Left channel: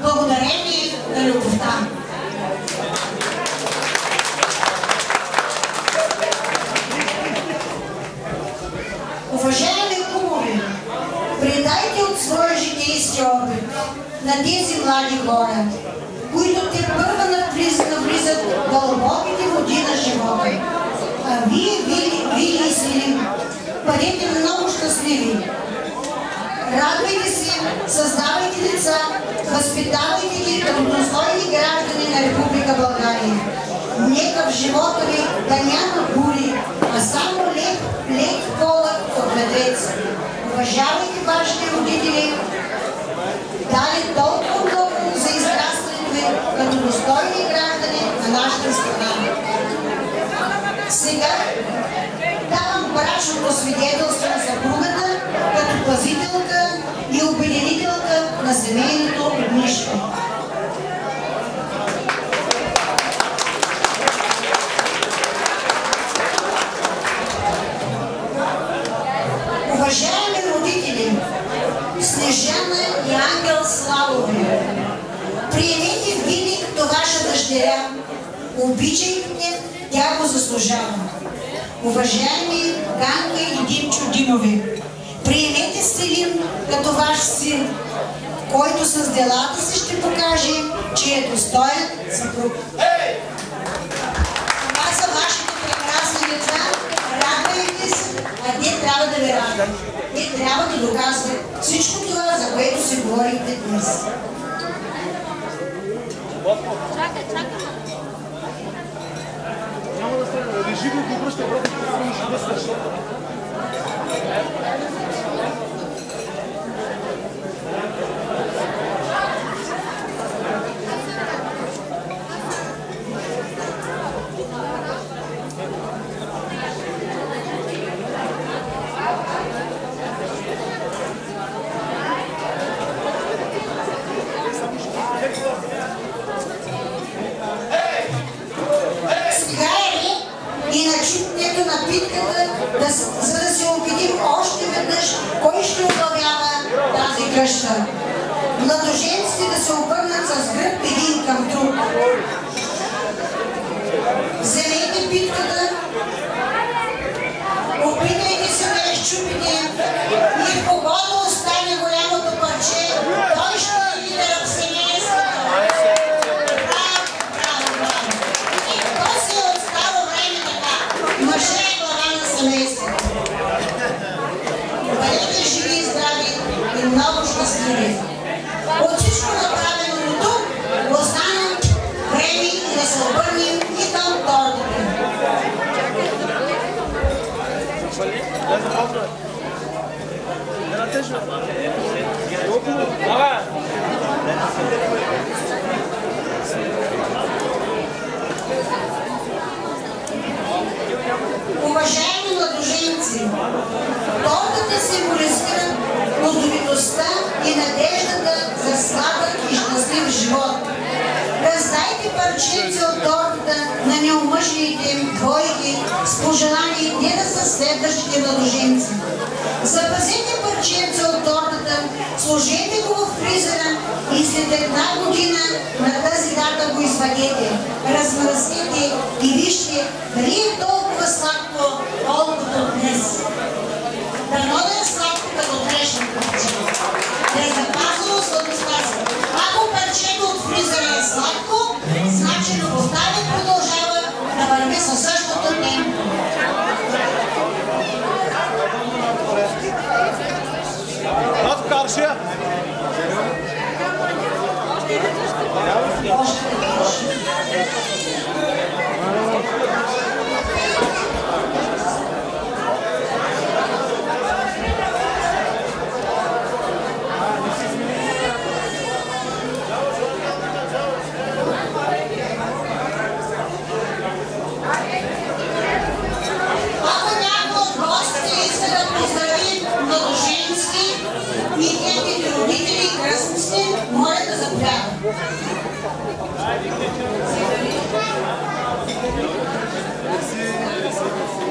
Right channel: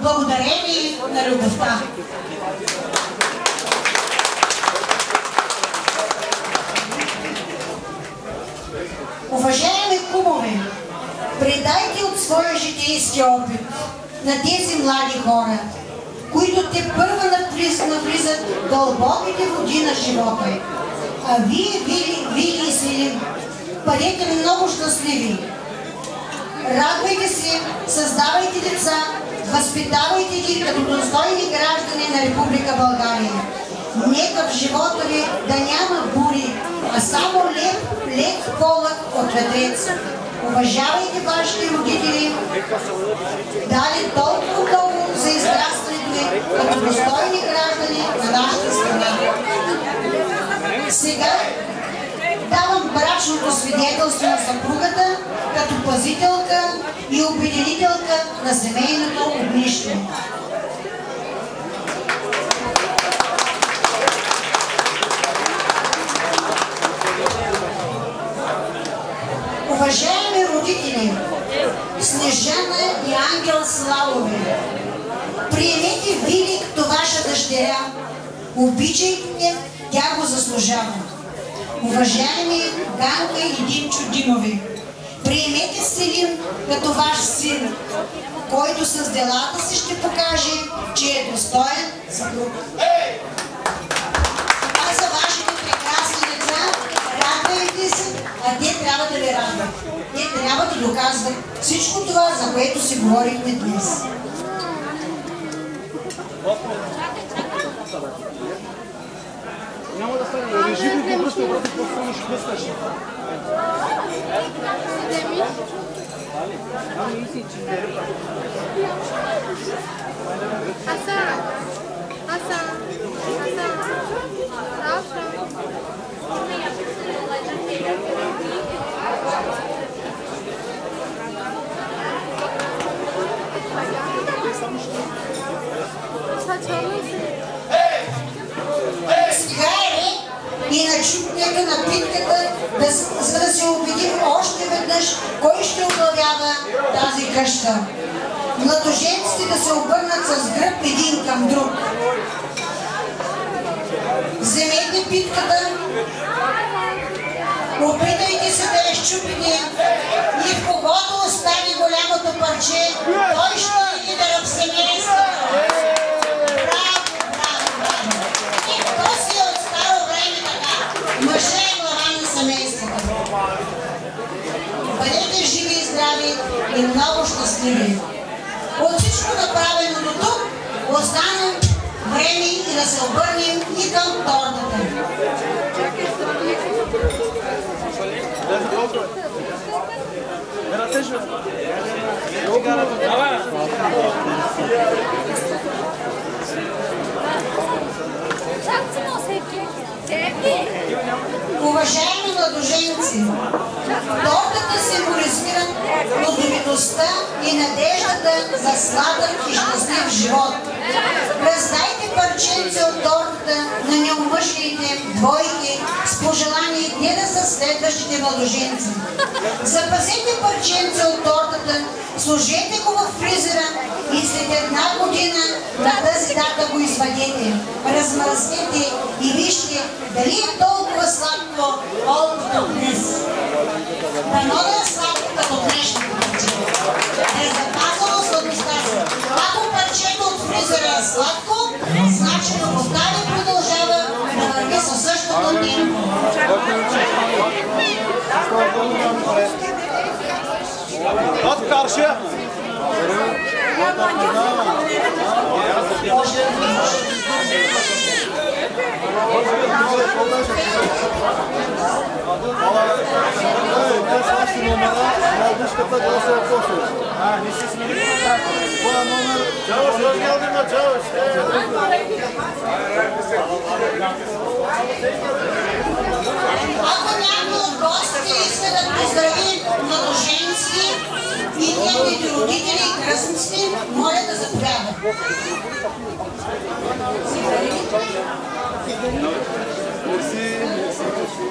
благодарение на любовта. Уважаеми кумове, предайте от своя житейски опит на тези млади хора, които те първа навлизат в дълбоките води на живота. А вие, Вили и Свилин, бъдете много щастливи. Радвайте се, създавайте деца, възпитавайте ги като достойни граждани на Република България. Нека в живота ви да няма бури, а само лек полъх от ветрец. Уважавайте вашите родители, дали толкова много за израстването ви като достойни граждани на нашата страна. Сега давам брачното свидетелство на съпругата като пазителка и обединителка на семейното огнище. Уважаеми родители, Снежана и Ангел Славови, приемете Вили като ваша дъщеря, обичайте, тя го заслужава. Уважаеми Ганка и Димчо Димови, приемете Селин като ваш син, който с делата си ще покаже, че е достоен за друг. Това са вашите прекрасни деца, радвайте се, а те трябва да ви радват. Те трябва да доказват всичко това, за което си говорихте днес. Няма да стане. Режи го и го връща обратно, защото ще блъскаш. И начитнето на битката, за да се убедим още веднъж кой ще управлява тази къща. Младоженците да се обърнат с гръб един към друг. Вземете битката, опитайте се да я счупите и в когото остане голямото парче, той ще лидера в семейството. Бъдете живи и здрави и много щастливи. От всичко направено до тук, остана време и да се обърнем и към тортата. Да, започвай. Не натежва. Уважаеми младоженци, тортата символизира плодовитостта и надеждата за сладък и щастлив живот. Раздайте парченце от тортата на неомъжените двойки с пожелание те да са следващите младоженци. Запазете парченце от тортата, сложете го в фризера и след една година на тази дата го извадете. Размръснете и вижте дали е толкова сладко, колкото днес. Дано да е сладко като днешното парче. Да е запазено сладостта си. Ако парчето от фризера е сладко, значи любовта ви продължава да върви със същото темпо. От каршия! Ако някой от гостите иска да поздрави младоженци и техните родители и кръстниците, моля да заповядат. Мерси, мерси, мерси.